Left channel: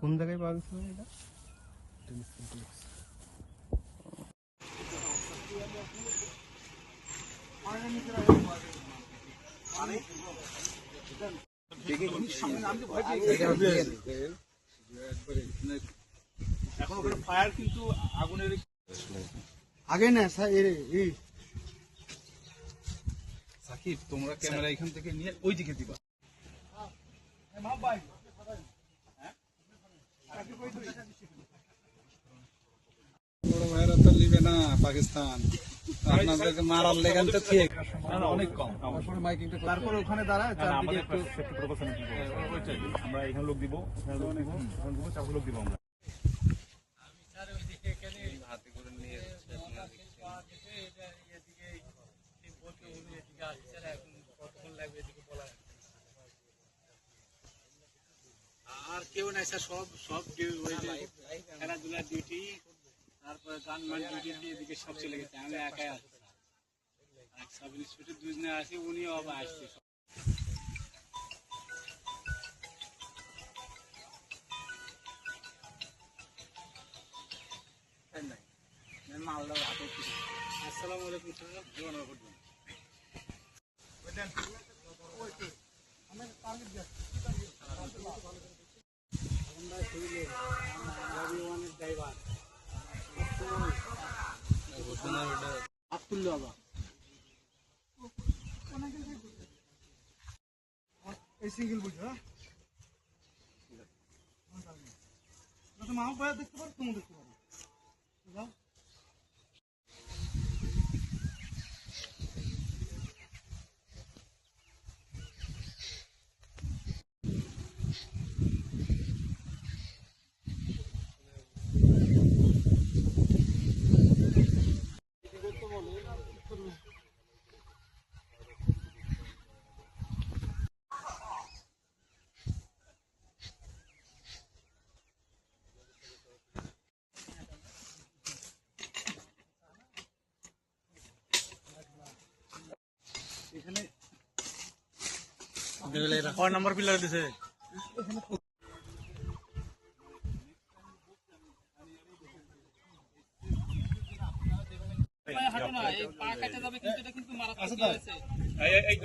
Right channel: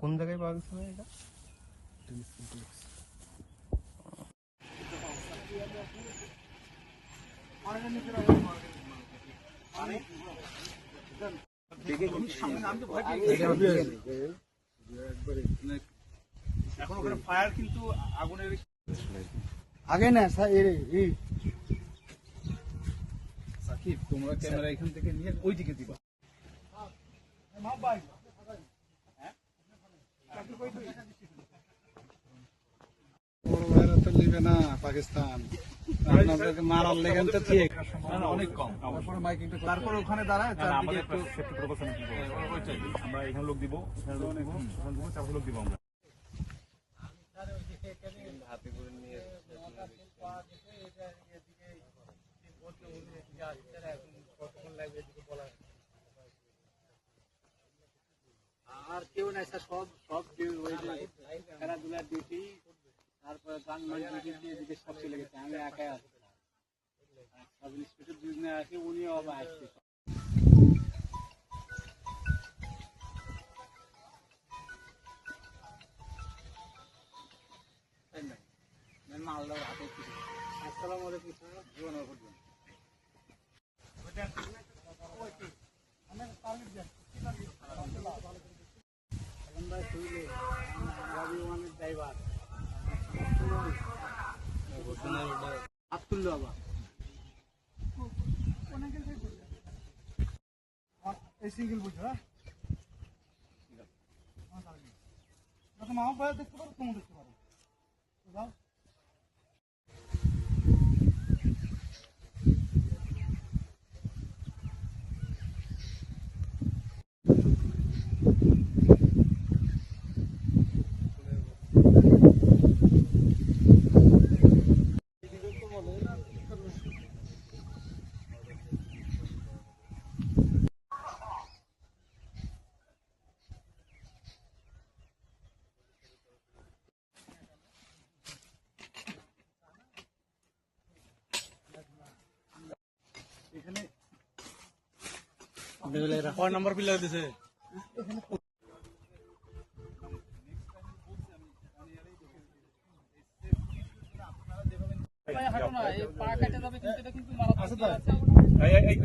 কোন জায়গায় পাওয়া গেছে এটা? এখন ওখানে ফায়ার কিন্তু আগুনের আগে না সাকিব, তোমরা ক্যামেরা এখান থেকে নিয়ে ওই দিকে দিবা। পাকিস্তান আপনাদেরকে মারার লেগেন তো ঠিক অনেক কম। তারপরে ওখানে দাঁড়ায় চারদিকে একটু আমরা এখানে লোক দিব, ওখানে লোক দিব, ওখানে দিব, চারশো লোক দিব আমরা। আর কেউ নাই স্যার, সব ওই যে খেলাধুলার ডিউটি, তারপরে গানমান ডিউটি এদিকে সব চলে গেছে। আমি একাই আছি, সাব ইন্সপেক্টর দুজনে আছে, উনিও আবার আসছে। আসসালামু আলাইকুম ড্রাইভার আব্দুল্লাহ বাবা এই সিঙ্গেল বুঝছো মাও ভাই দেখতে পারো, তুমি দেখতে পারো। যাও এখানে 6 নম্বর পিলার দিছে। এই